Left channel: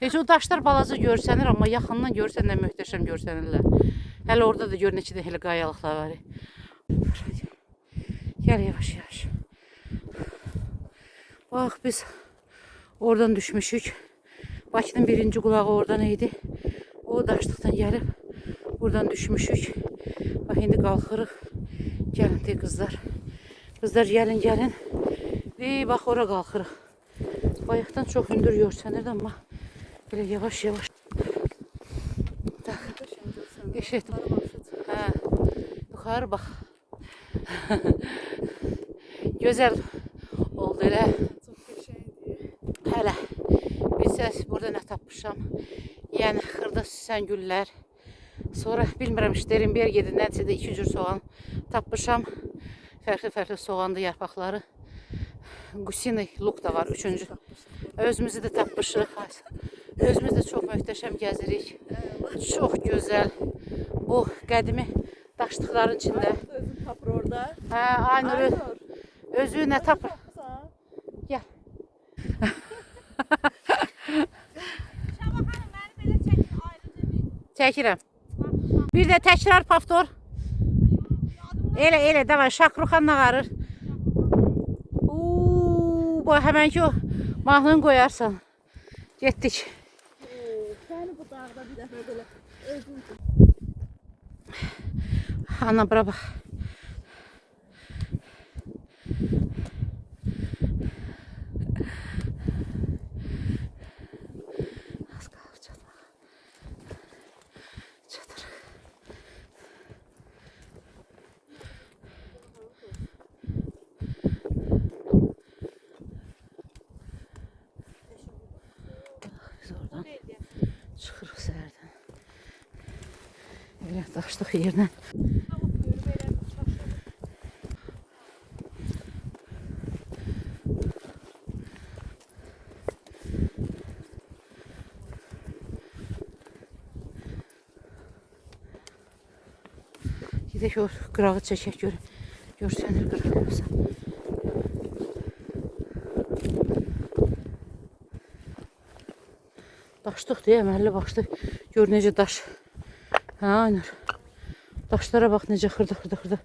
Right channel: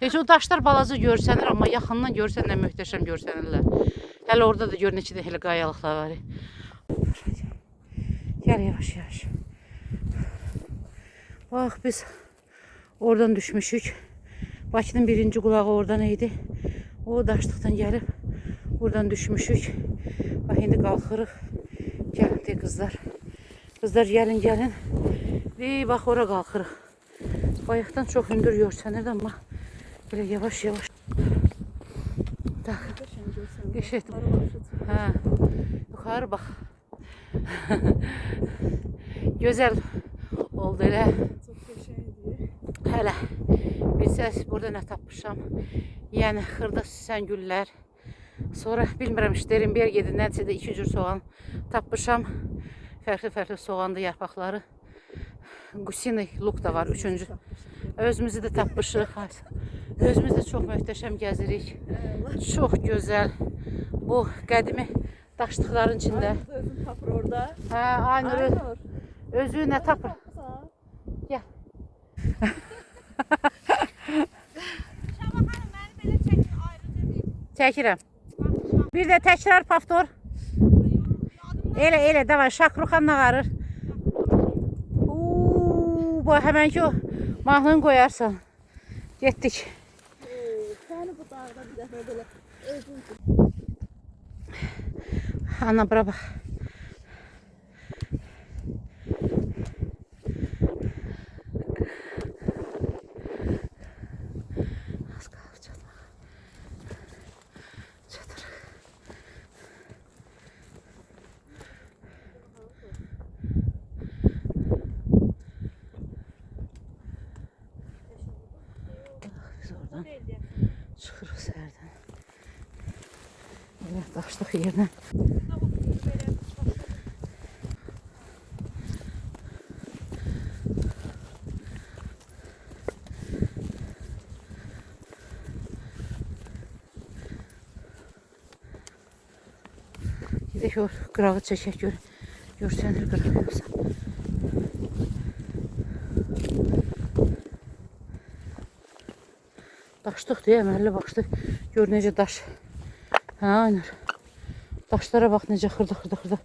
Heç o daşlar balaca görsənir, amma yaxından görsən nə möhtəşəm görsənirlər. Hələ orada da gör neçə də elə qayalıqlar var. Gəl yavaş yavaş. Bax biz oradan düşmüşük. Bakının birinci qulağı oradan idi. O daşlıqdan gəlib buradan düşmüşük. Bax indi qalxırıq. Gəlin de qızlar. Qızlar gəlin gəlin. Bax ora qalxırıq. Bayaqdan çox hündür görsənir amma böyle yavaş yavaş. Geçelim. Ha, yukarı bak. Güzel oldu elə. Çok qəşəngdir. Hələ. Bilsəz burada nə tapmışam. Yəni xırda süsən güllər. Sonra bilmirəm Sternberg yedi nədirsə də 2 cür soğan tapmışam. Fərqli soğanlı yarpaqları. Gusini luk da var 3-cü. Özümüzü də tapmışıq. Özümüz də çox möhtəşəm gəzirik. Çox gözəl. Bu qədimi daşlıqların içində. Özün tapır orada. Hə, Aynur. Özü nə tapır? Gəl. Çəkirəm. Bir də təkrar paftor. Elə, davay, Şakruxan nağarır. Bu həmən ki o mahnını qoyarsan. Getdik. Səni bu dağda bir dəfə belə özün. Ana bura bax. Az qalıb çatmağa. Çatırıq. Biz oradan çıxırıq səhərdən. Evet, daşlıq yerdən. Bir də o qırağı çəkək görsənir qıraq yoxsa. Daşlıq deyə əməlli baxdı. Gör necə daş. Hə, aynen. Daşlara bax necə xırda.